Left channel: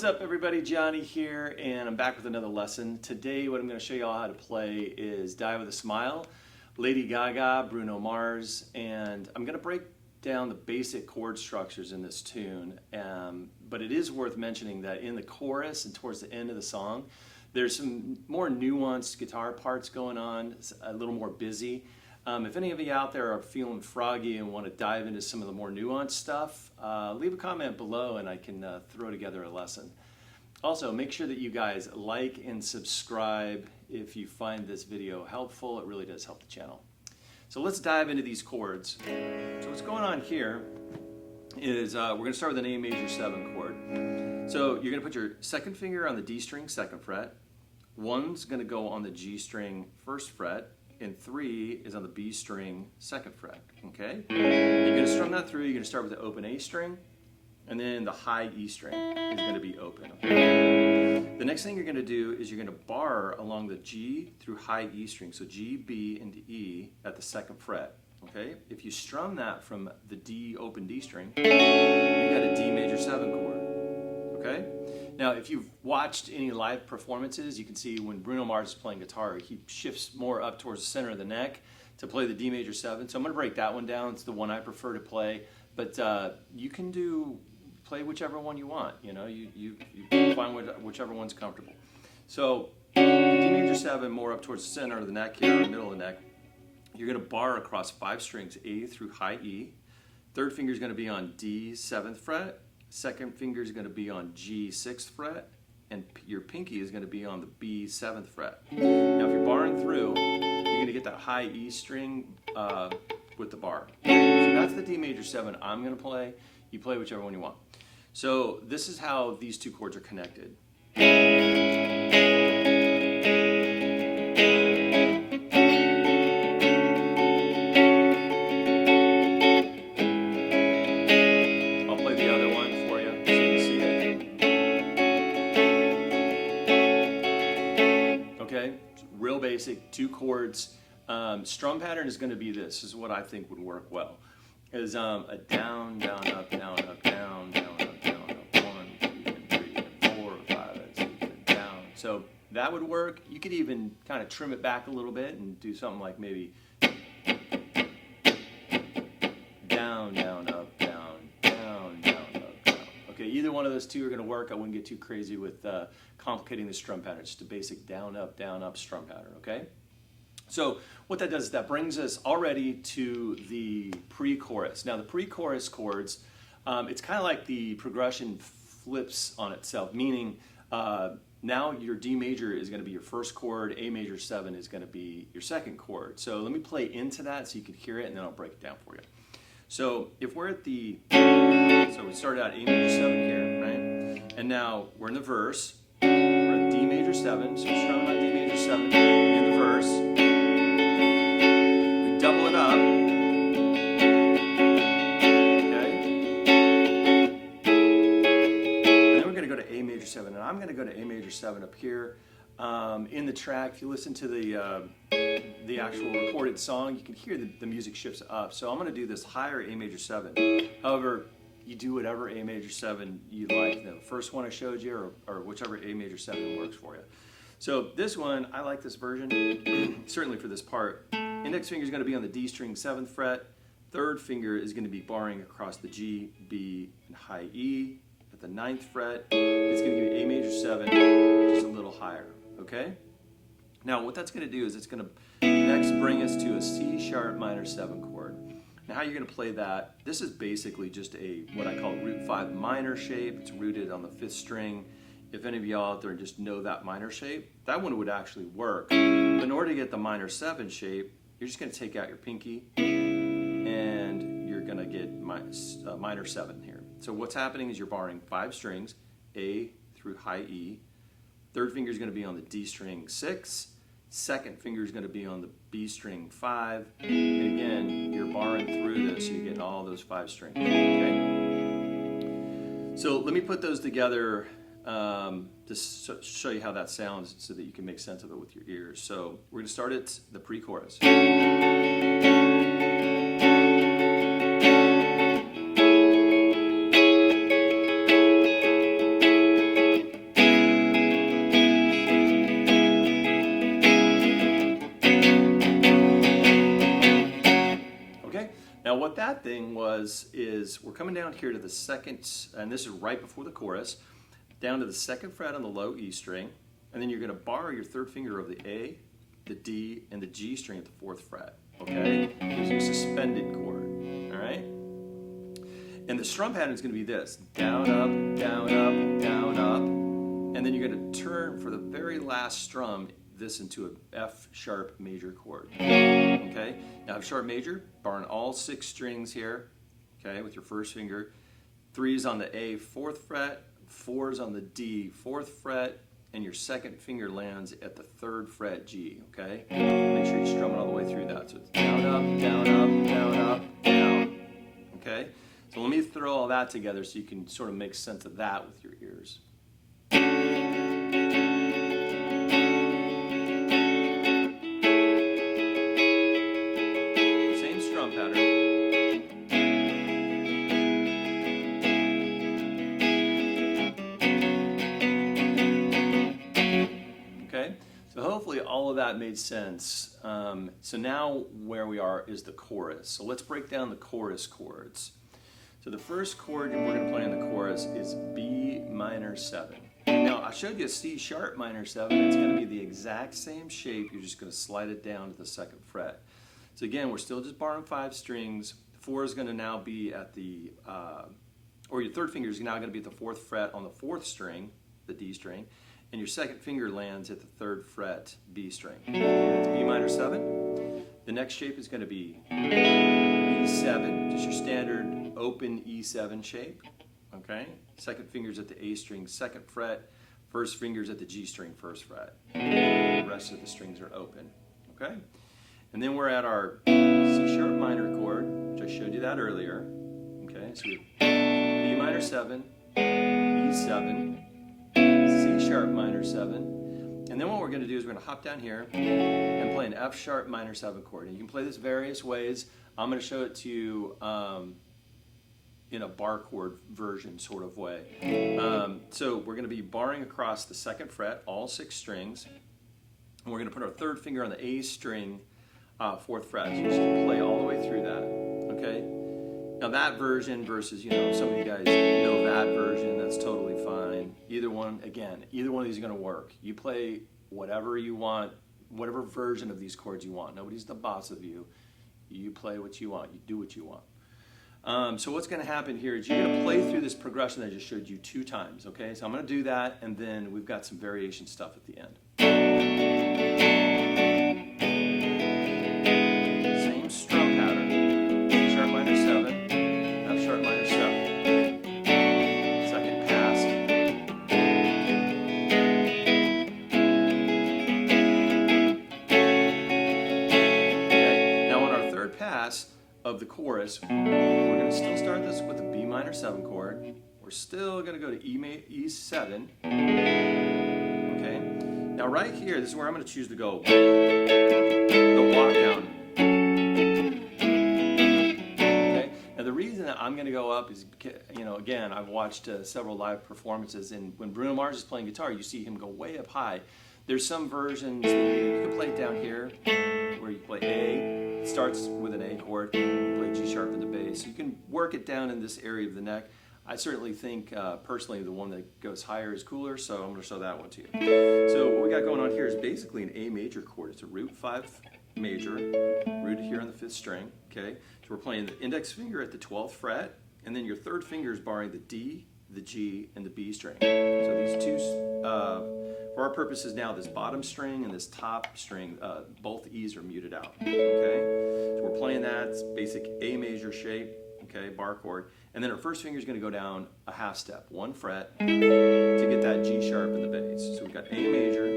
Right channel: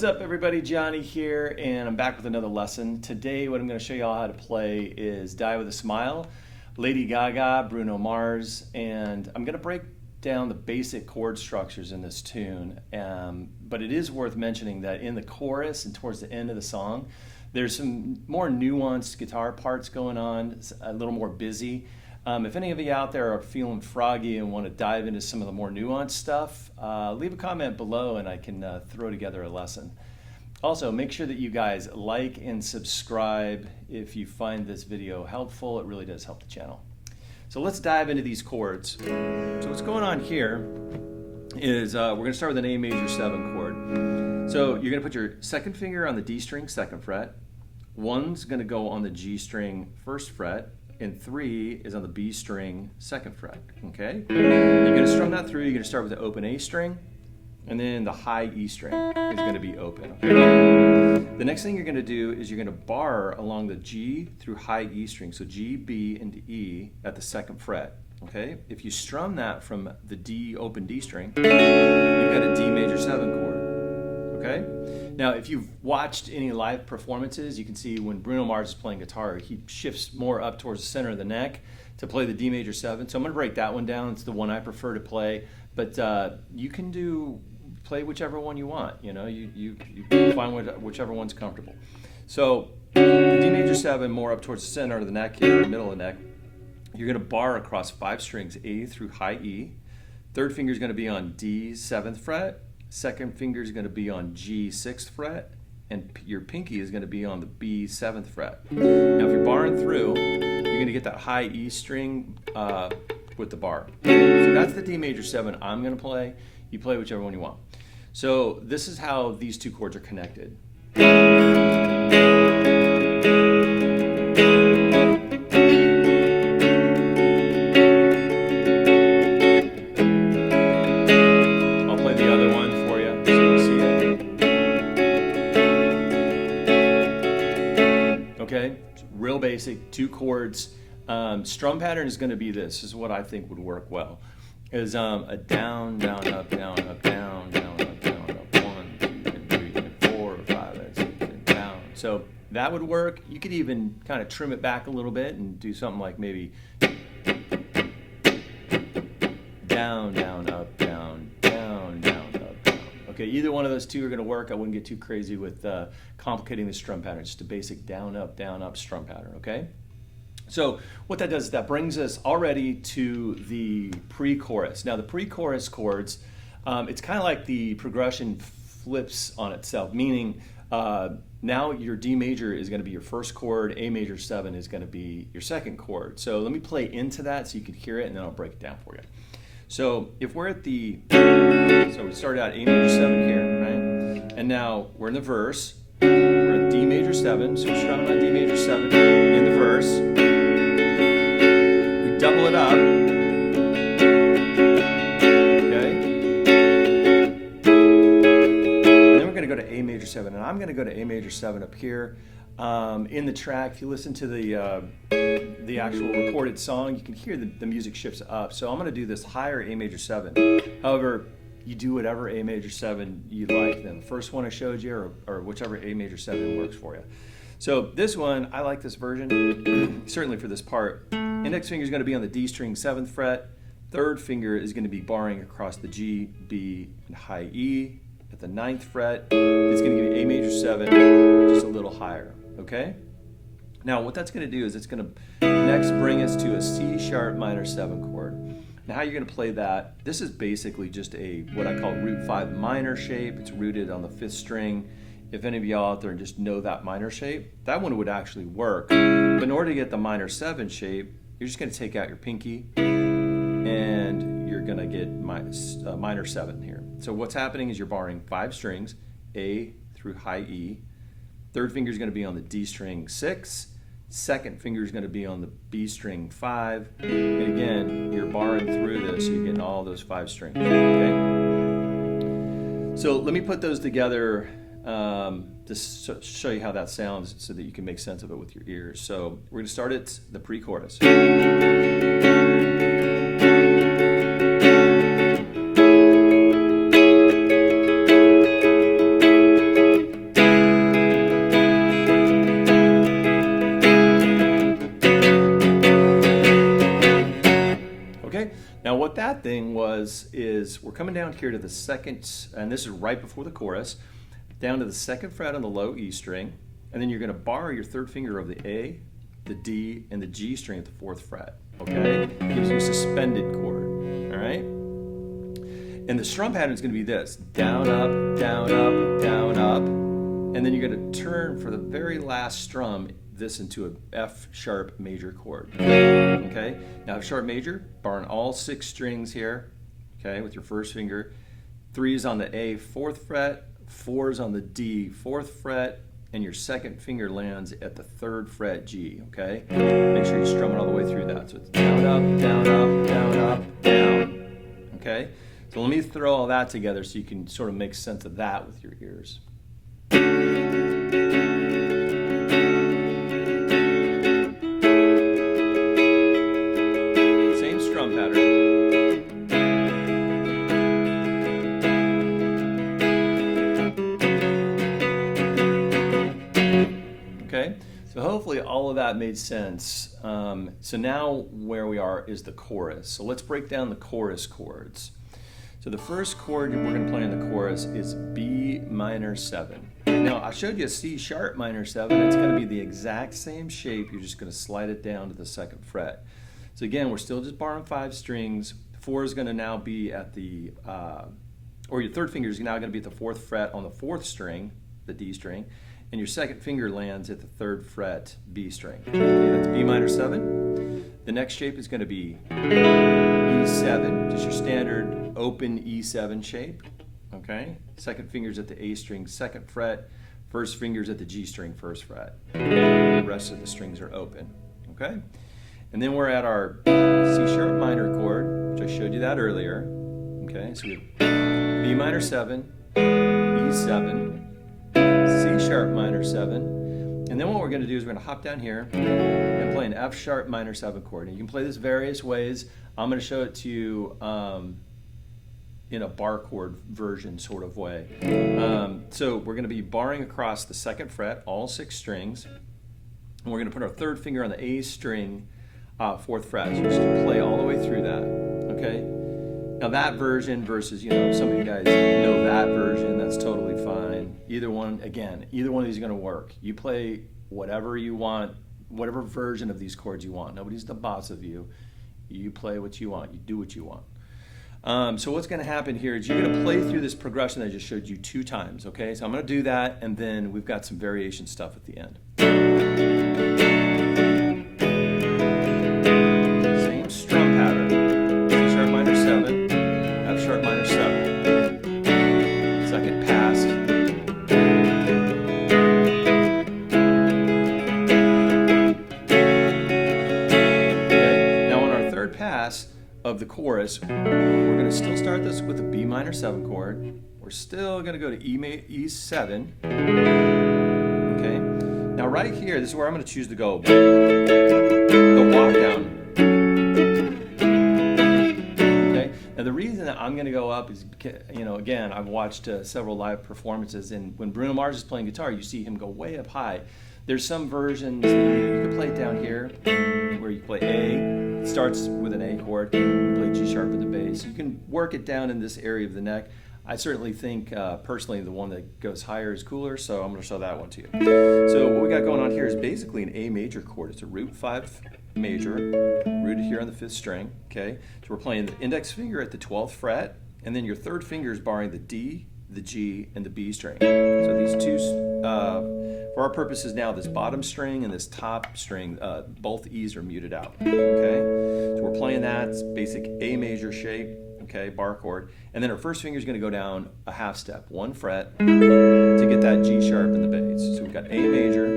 What's up everybody, Johnny here, and I'm back with another lesson. Today what I'm going to show you all how to play is Die With A Smile, Lady Gaga, Bruno Mars, and I'm going to break down the basic chord structures in this tune, but it is worth mentioning that in the chorus and towards the end of the song, there's some more nuanced guitar parts going on, a little more busy. If any of you out there are feeling froggy and want to dive into some of the more nuanced stuff, leave a comment below and I can throw together a lesson. Also, make sure that you guys like and subscribe if you find this video helpful. It really does help the channel. So let's dive into these chords. So what's going on here is we're going to start with an A major 7 chord. So you're going to put your second finger on the D string 2nd fret, 1's going to go on the G string 1st fret, and 3 is on the B string 2nd fret, okay? You're going to strum that through. You're going to start with the open A string, and then the high E string is going to be open, okay? The next thing you're going to do is you're going to bar along the G through high E string, so G, B, and E at the 2nd fret, okay? If you strum that from the D, open D string, you've got a D major 7 chord, okay? Now, if you've watched any live performances, you can see when Bruno Mars is playing guitar, he shifts more up towards the center of the neck to play the D major 7. So I'm going to break that one down. It's the one I prefer to play, but you can play whichever one you want. You know, you find whichever one's comfortable. So the D major 7 more up towards the center of the neck here, or middle of the neck. You're going to bar across 5 strings, A through high E. Third finger is going to be on D 7th fret. Second finger is going to be on G 6th fret, and your pinky is going to be on the B 7th fret. Now if you're barring through, you're going to get that high E string with the bar. So that's the D major 7 I'm going to play. You play whichever one you want. So this is how these two chords are connected. Okay, real basic, 2 chords. Strum pattern is going to be this. This is what I think would work well. Is a down, down, up, down, up, down, down, up, down, up, 1, 2, 3, 4, 5, 6, 7, down. So that would work. You could even kind of trim it back a little bit and do something like maybe down, down, up, down, down, down, up, down. Okay, either one of those two are going to work. I wouldn't get too crazy with complicating the strum pattern. It's just a basic down, up strum pattern, okay? So what that does is that brings us already to the pre-chorus. Now the pre-chorus chords, it's kind of like the progression flips on itself, meaning now your D major is going to be your first chord, A major 7 is going to be your second chord. So let me play into that so you can hear it, and then I'll break it down for you. So if we're at the, so we started out A major 7 here, right? And now we're in the verse. We're at D major 7, so we're strumming on D major 7 in the verse. We double it up. Okay? And then we're going to go to A major 7, and I'm going to go to A major 7 up here. In the track, if you listen to the actual recorded song, you can hear the music shifts up. So I'm going to do this higher A major 7. However, you do whatever A major 7 you like. Then the first one I showed you, or whichever A major 7 works for you. So this one, I like this version, certainly for this part. Index finger is going to be on the D string 7th fret. Third finger is going to be barring across the G, B, and high E. At the 9th fret, it's going to give you A major 7, just a little higher, okay? Now what that's going to do is it's going to next bring us to a C sharp minor 7 chord. Now how you're going to play that, this is basically just a what I call root 5 minor shape. It's rooted on the 5th string. If any of y'all out there just know that minor shape, that one would actually work. But in order to get the minor 7 shape, you're just going to take out your pinky and you're going to get minor 7 here. So what's happening is you're barring 5 strings, A through high E. Third finger is going to be on the D string 6. Second finger is going to be on the B string 5. And again, you're barring through this, so you're getting all those 5 strings, okay? So let me put those together to show you how that sounds so that you can make sense of it with your ears. So we're going to start at the pre-chorus. thing is we're coming down here to the second, and this is right before the chorus, down to the second fret on the low E string, and then you're going to bar your third finger of the A, the D, and the G string at the fourth fret. Okay, it gives you a suspended chord. All right, and the strum pattern is going to be this: down, up, down, up, down, up, and then you're going to turn for the very last strum this into an F sharp major chord. Okay, now F sharp major, barring all 6 strings here. Okay, with your first finger, 3 is on the A, 4th fret, 4 is on the D, 4th fret, and your second finger lands at the 3rd fret G. Okay, make sure you strum it all the way through that. So it's down, up, down, up, down, up, down. Okay, so let me throw all that together so you can sort of make sense of that with your ears. Same strum pattern. Okay, so hopefully all of that made sense. So now where we are is the chorus. So let's break down the chorus chords. So the first chord we're going to play in the chorus is B minor 7. Now I showed you a C sharp minor 7. It's going to be the exact same shape. You're just going to slide it down to the 2nd fret. So again, we're still just barring 5 strings. 4 is going to now be at the, or your third finger is now going to be at the 4th fret on the 4th string, the D string, and your second finger lands at the 3rd fret B string. Okay, that's B minor 7. The next shape is going to be E7, just your standard open E7 shape. Okay, second finger's at the A string, 2nd fret, first finger's at the G string, 1st fret. The rest of the strings are open. Okay, and then we're at our C sharp minor chord, which I showed you that earlier. Okay, so we have B minor 7, E7, C sharp minor 7, and then what we're going to do is we're going to hop down here and play an F sharp minor 7 chord. And you can play this various ways. I'm going to show it to you in a bar chord version sort of way. So we're going to be barring across the 2nd fret, all 6 strings, and we're going to put our 3rd finger on the A string, 4th fret. So just play all the way through that. Okay. Now that version versus, some of you guys know that version, that's totally fine. Either one, again, either one of these is going to work. You play whatever you want, whatever version of these chords you want. Nobody's the boss of you. You play what you want. You do what you want. So what's going to happen here is you're going to play through this progression that I just showed you 2 times. Okay, so I'm going to do that, and then we've got some variation stuff at the end. Same strum pattern. C sharp minor 7. F sharp minor 7. Second pass. Okay. Now on our 3rd pass of the chorus, we're going to still start this with a B minor 7 chord. We're still going to go to E7. Okay. Now right here, this is where I'm going to choose to go the walk down. Now the reason that I'm going to go up is, again, I've watched several live performances, and when Bruno Mars is playing guitar, you see him go way up high. There's some versions that you can play it down here, where you play A, it starts with an A chord, you play G sharp in the bass. You can work it down in this area of the neck. I certainly think, personally, the one that goes higher is cooler, so I'm going to show that one to you. So what we got going on here is basically an A major chord. It's a root 5 major, rooted here on the 5th string, okay? So we're playing the index finger at the 12th fret, and then your 3rd finger is barring the D, the G, and the B string. So these 2, for our purposes now, this bottom string and this top string, both E's are muted out, okay? So we're playing that, it's basic A major shape, okay, bar chord, and then our first finger is going to go down a half step, 1 fret, to get that G sharp in the bass. So we've got A major,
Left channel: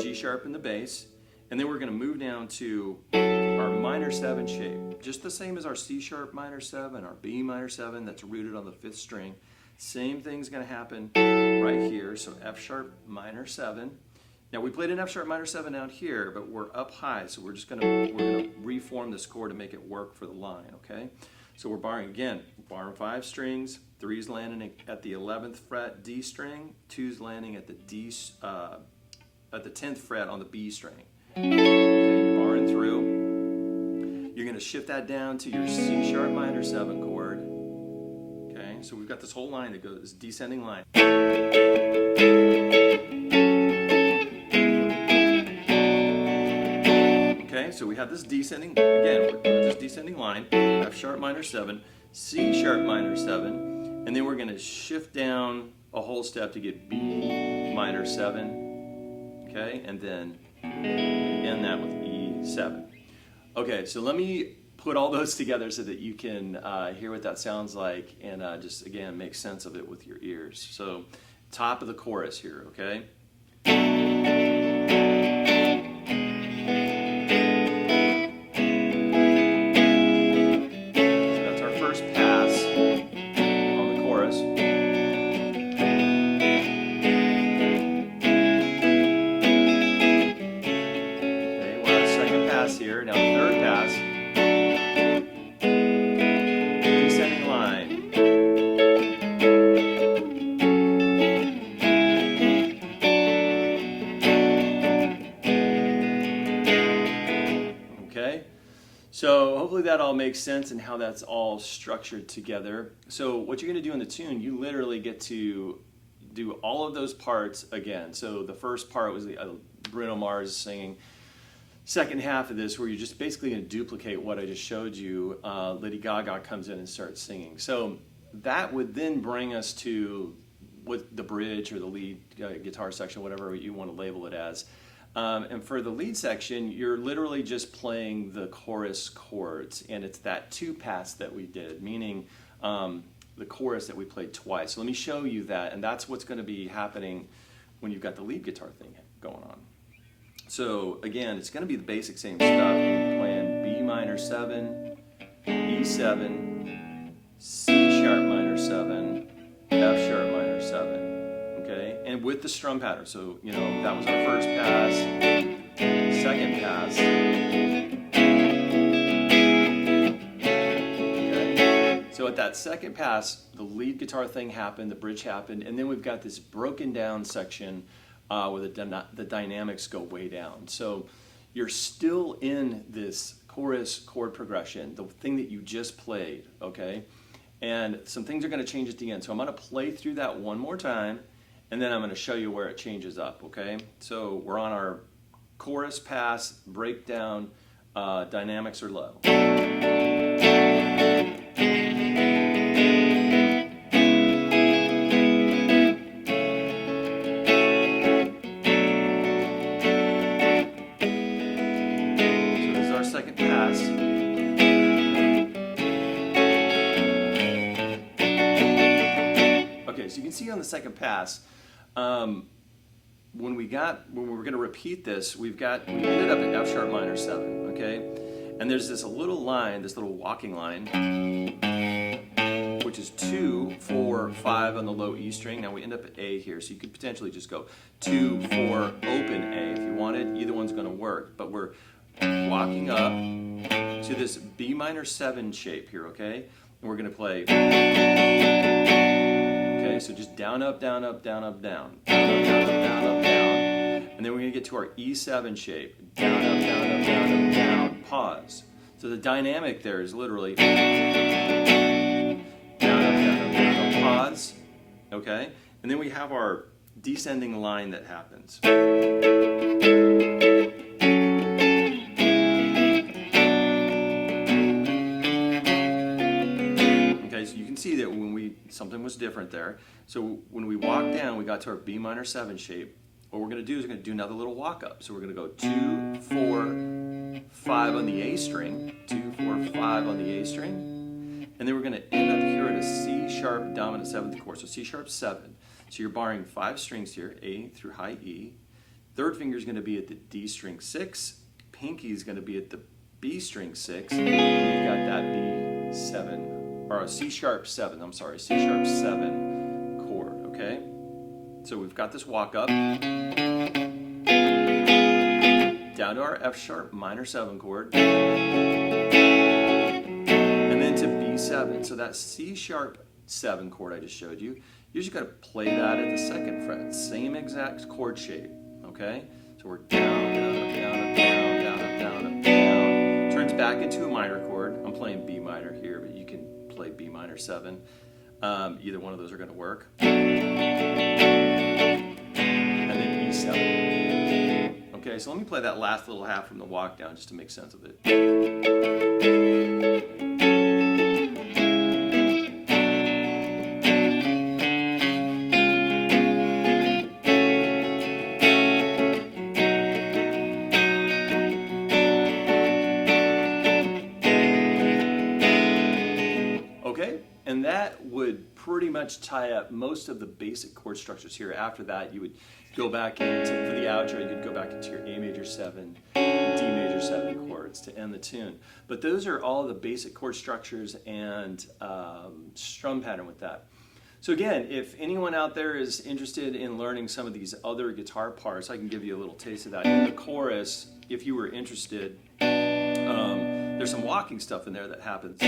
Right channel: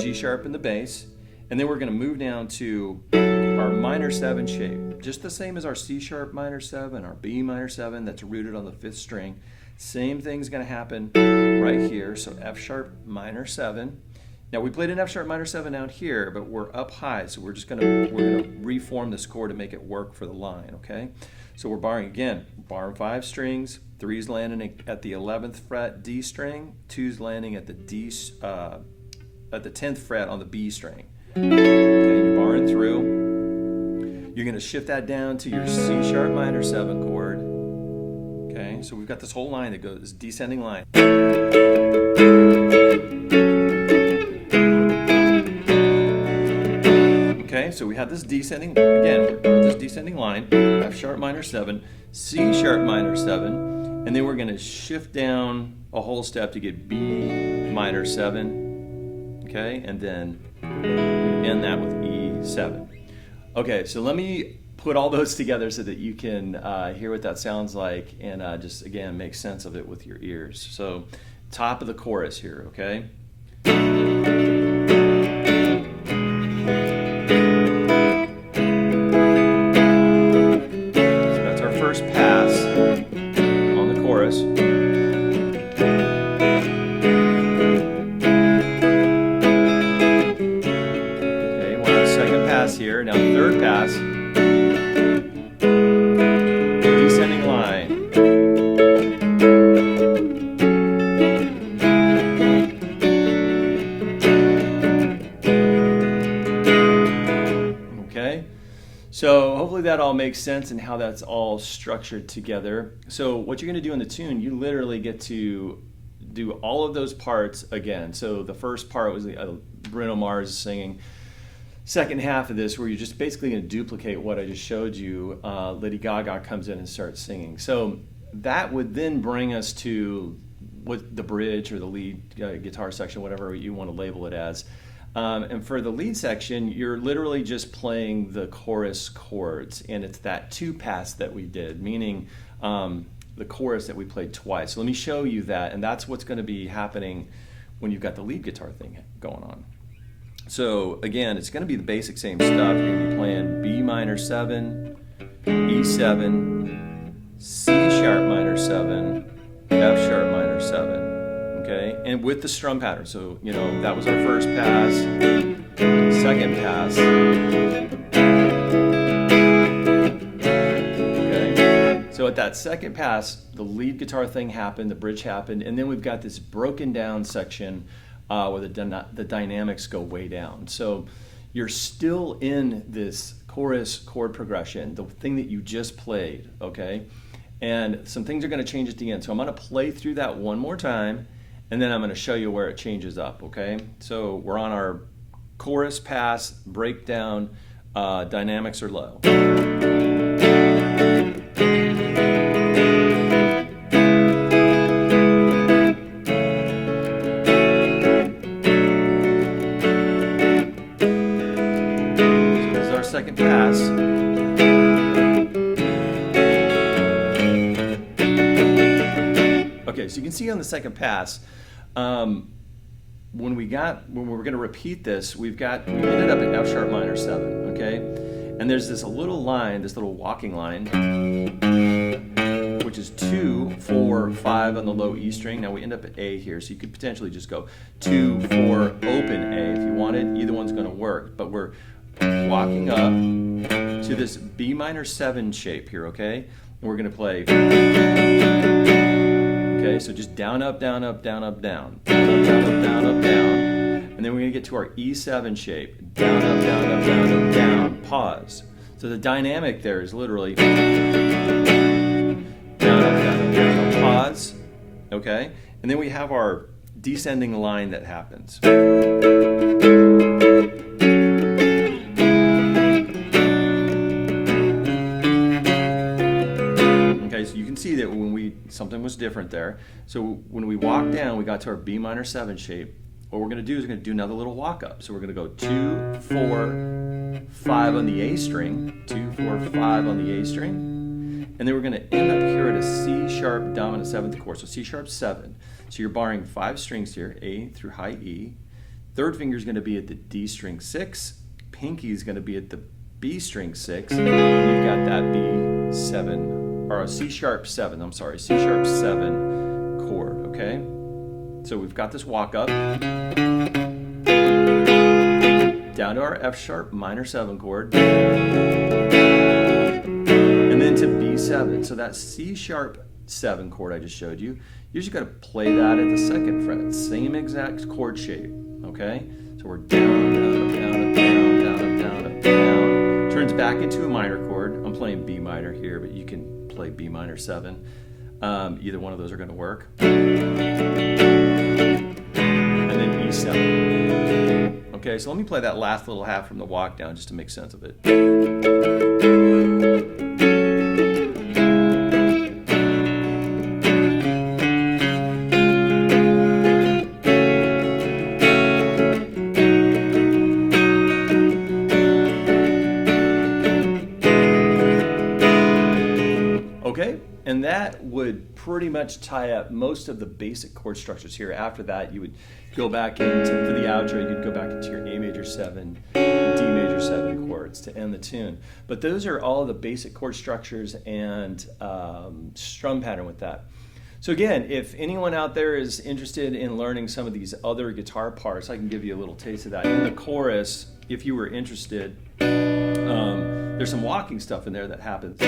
G sharp in the bass, and then we're going to move down to our minor 7 shape, just the same as our C sharp minor 7, our B minor 7 that's rooted on the 5th string. Same thing's going to happen right here, so F sharp minor 7. Now we played an F sharp minor 7 down here, but we're up high, so we're going to reform this chord to make it work for the line, okay? So we're barring 5 strings, 3's landing at the 11th fret D string, 2's landing at the at the 10th fret on the B string. Okay, you're barring through. You're going to shift that down to your C sharp minor 7 chord. Okay, so we've got this whole line that goes, this descending line. Okay, so we have this descending, again, this descending line, F sharp minor 7, C sharp minor 7, and then we're going to shift down a whole step to get B minor 7, okay, and then end that with E7. Okay, so let me put all those together so that you can hear what that sounds like and just, again, make sense of it with your ears. So, top of the chorus here, okay? So that's our first pass on the chorus. Okay, we'll have a second pass here, now the third pass. Descending line. Okay, so hopefully that all makes sense and how that's all structured together. So what you're going to do in the tune, you literally get to do all of those parts again. So the first part was Bruno Mars singing. Second half of this, where you're just basically going to duplicate what I just showed you, Lady Gaga comes in and starts singing. So that would then bring us to what the bridge or the lead guitar section, whatever you want to label it as. And for the lead section, you're literally just playing the chorus chords, and it's that 2-pass that we did, meaning the chorus that we played twice. So let me show you that, and that's what's going to be happening when you've got the lead guitar thing going on. So again, it's going to be the basic same stuff. You're going to be playing B minor 7, E7, C sharp minor 7, F sharp minor 7, okay? And with the strum pattern. So, you know, that was our first pass, second pass, okay? So at that second pass, the lead guitar thing happened, the bridge happened, and then we've got this broken down section where the dynamics go way down. So you're still in this chorus chord progression, the thing that you just played, okay? And some things are going to change at the end. So I'm going to play through that one more time, and then I'm going to show you where it changes up, okay? So we're on our chorus pass, breakdown, dynamics are low. Second pass. Okay, so you can see on the second pass, when we were going to repeat this, we ended up in F sharp minor 7, okay? And there's this little line, this little walking line, which is 2, 4, 5 on the low E string. Now we end up at A here, so you could potentially just go 2, 4, open A if you wanted. Either one's going to work, but we're walking up to this B minor 7 shape here, okay? And we're going to play, okay, so just down, up, down, up, down, up, down, down, up, down, up, down, up, down, and then we're going to get to our E7 shape, down, up, down, up, down, up, down, pause. So the dynamic there is literally down, up, down, up, down, up, pause, okay? And then we have our descending line that happens. So you can see that something was different there. So when we walk down, we got to our B minor 7 shape. What we're going to do is we're going to do another little walk up. So we're going to go 2, 4, 5 on the A string, 2, 4, 5 on the A string, and then we're going to end up here at a C sharp dominant 7th chord. So C sharp 7. So you're barring 5 strings here, A through high E. Third finger is going to be at the D string 6. Pinky is going to be at the B string 6. And you've got that B7. Or a C sharp 7, I'm sorry, C sharp 7 chord, okay? So we've got this walk up, down to our F sharp minor 7 chord, and then to B7. So that C sharp 7 chord I just showed you, you're just gonna play that at the 2nd fret, same exact chord shape, okay? So we're down, up, down, up, down, down, up, down, up, down, turns back into a minor chord. I'm playing B minor here, but you can play B minor 7. Either one of those are going to work. And then E7. Okay, so let me play that last little half from the walk down just to make sense of it. Okay, and that would pretty much tie up most of the basic chord structures here. After that, you would go back into, for the outro, you'd go back into your A major 7, D major 7 chords to end the tune. But those are all the basic chord structures and strum pattern with that. So again, if anyone out there is interested in learning some of these other guitar parts, I can give you a little taste of that. In the chorus, if you were interested, there's some walking stuff in there that happens.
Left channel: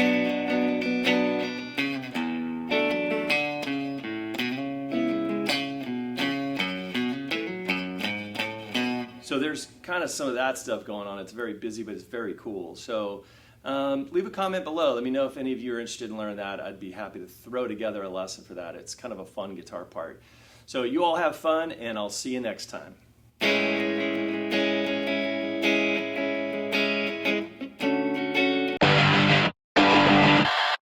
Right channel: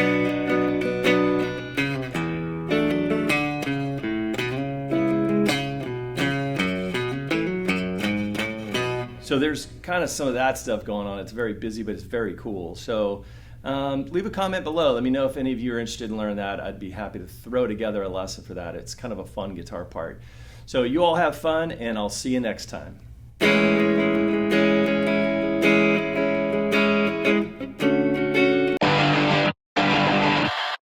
So there's kind of some of that stuff going on. It's very busy, but it's very cool. So leave a comment below. Let me know if any of you are interested in learning that. I'd be happy to throw together a lesson for that. It's kind of a fun guitar part. So you all have fun, and I'll see you next time.